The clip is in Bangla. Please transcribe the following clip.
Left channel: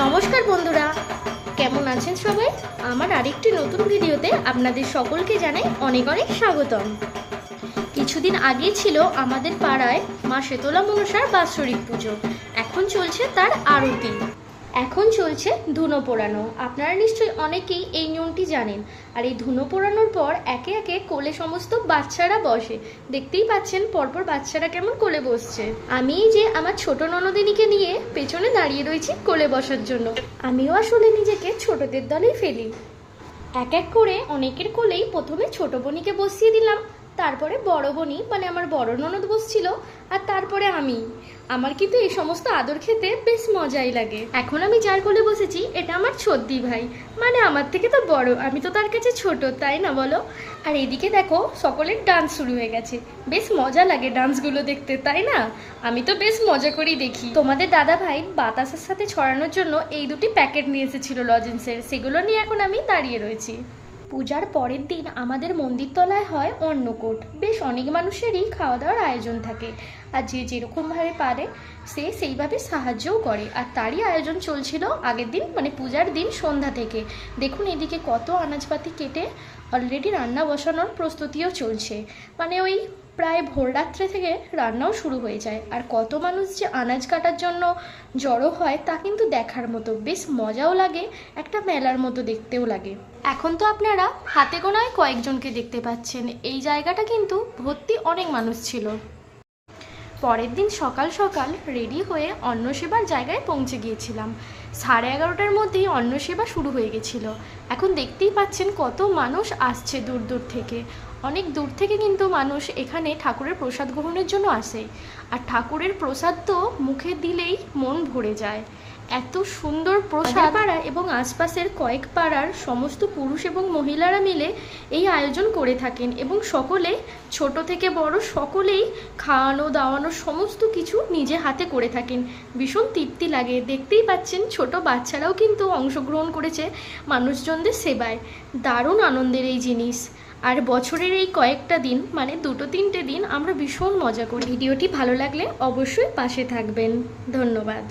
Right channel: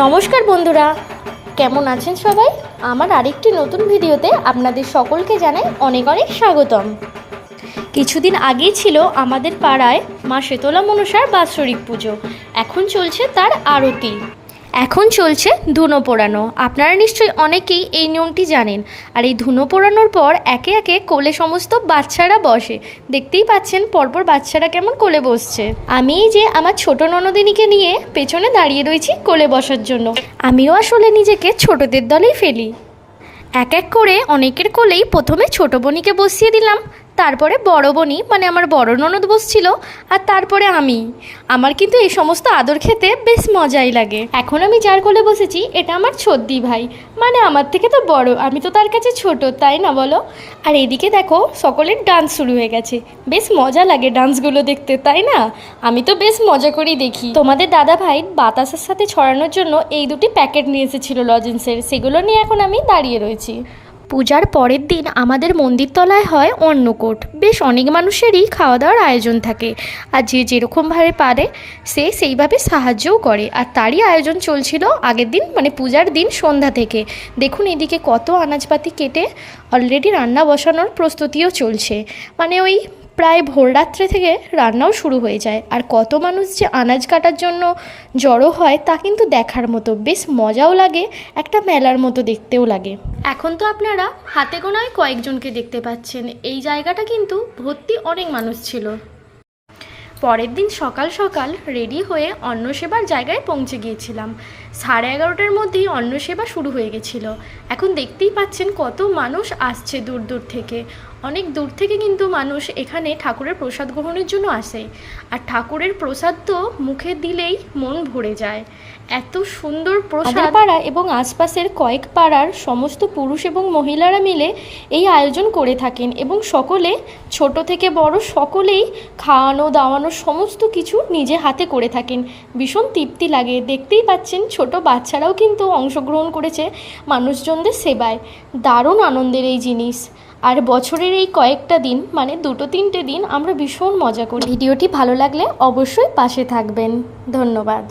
নমস্কার বন্ধুরা, কেমন আছেন সবাই? আমার আরেকটি নতুন ভিডিওতে আপনাদের সকলকে জানাই অনেক অনেক স্বাগতম। কিছুদিন আগেই ছিল আমাদের পাড়ায় মা শীতলা মনসার বাৎসরিক পুজো। এখন চলছে তার আরতি, এখন চলছে ধুনো পোড়ানো। আপনারা নিশ্চয়ই অনেকেই এই নিয়মটি জানেন। আর এই ধুনো পোড়ানোর পর একে একে কোলে সমস্ত বাচ্চারা বসে। দেখতেই পাচ্ছেন পরপর বাচ্চারা কেমন কোলে বসছে। আমি এই যে আমার ছোট ননদিনীকে নিয়ে পেছনে দাঁড়িয়ে রয়েছি কোলে বসার জন্য। আমিও আসলে নিজেকে ছোটদের দলেই ফেলি। এক এক করে অনেকের কোলেই প্রথমে ছোট বোনিকে বসিয়ে দিলাম, তারপরে বড় বোনই মানে আমার বড় ননদ বসছিল, আর তারপরে আমি। আমার কিন্তু এই সমস্ত আদর খেতে বেশ মজাই লাগে। এখন আমি যার কোলে বসেছি এটা আমার ছোদ্দি ভাই, মানে আমার থেকে তো বড়, আমি তো তার কাছে ছোট, তাই না বলো? আর এদিকে দেখো সকলের ডান্স শুরু হয়ে গেছে। বেশ মজা লাগে ডান্সগুলো দেখতে, তাই না? আমি তো বেশ মজা করেই দেখি। তোমাদের দাদা ভাই বাতাসের সাথে ছড়ানোর জন্য এই দুটি প্যাকেট নিয়ে এসেছিল লজেন্সের, সেগুলো নিয়ে এখন আমি দাঁড়িয়ে রয়েছি। পূজার পরের দিন আমাদের মন্দিরতলায় হয় অন্নকূট। বেশ অনেক মানুষেরই খাওয়া দাওয়ার আয়োজন থাকে, আর যে যেরকমভাবে পারে সে সেইভাবে সাহায্যও করে। আর তারই আয়োজন চলছিল আগের দিন, মানে পূজার দিন সন্ধ্যা থেকে। দেখুন এদিকে কত আনাজপাতি কেটে অলরেডি রান্না বসানোর প্রস্তুতিও চলছে। মানে ওই প্রায় ভোররাত্রে থেকে রান্নাও শুরু হয়ে যায়। আর কত মানুষ যে আনাজ কাটার জন্য জড়ো হয় তা কিন্তু দেখার মতো, বেশ মজাও লাগে, একটা মেলার মতো দেখতেও লাগে। এখন তো আপনারা হাতে গোনায় কয়েকজনকে দেখতে পাচ্ছেন, এই জায়গাটা কিন্তু ভর্তি অনেক মানুষ ছিল। পরের দিন সকাল সকাল রেডি হয়ে অন্নসেবার জায়গায় পৌঁছে গিয়েছিলাম। 11:30টার মধ্যেই অন্নসেবা শুরু হয়ে গেছিলো। এখন দেখতেই পাচ্ছেন কত মানুষ আসছে দূর দূর থেকে। অনেক দূর থেকে কিন্তু মানুষ এখানে ঠাকুরের প্রসাদ গ্রহণের জন্য আসে। আর ঠাকুরের প্রসাদ তো মুখে দিলেই মন ভরে যায়, এত সুন্দর প্রসাদ। পাড়া এবং আশপাশের কয়েক পাড়ার সমস্ত পুরুষ এবং মহিলারা মিলে এই আয়োজন করে থাকেন, এবং সকলে ছোট থেকে বড় সকলেই খাওয়ানো দাওয়ানো সমস্ত কিছু নিজে হাতে করে থাকেন। ভীষণ তৃপ্তি লাগে। দেখতেই পাচ্ছেন ছোট বাচ্চারাও কিন্তু অংশগ্রহণ করেছে মানুষজনদের সেবায়। দারুণ আনন্দের এই জিনিস। আর বছরের এই কয়েকটা দিন, মানে 2-3টে দিন আমরা ভীষণ মজা করি। ভিডিওটি ভালো লাগলে অবশ্যই পাশে থাকবেন। ধন্যবাদ।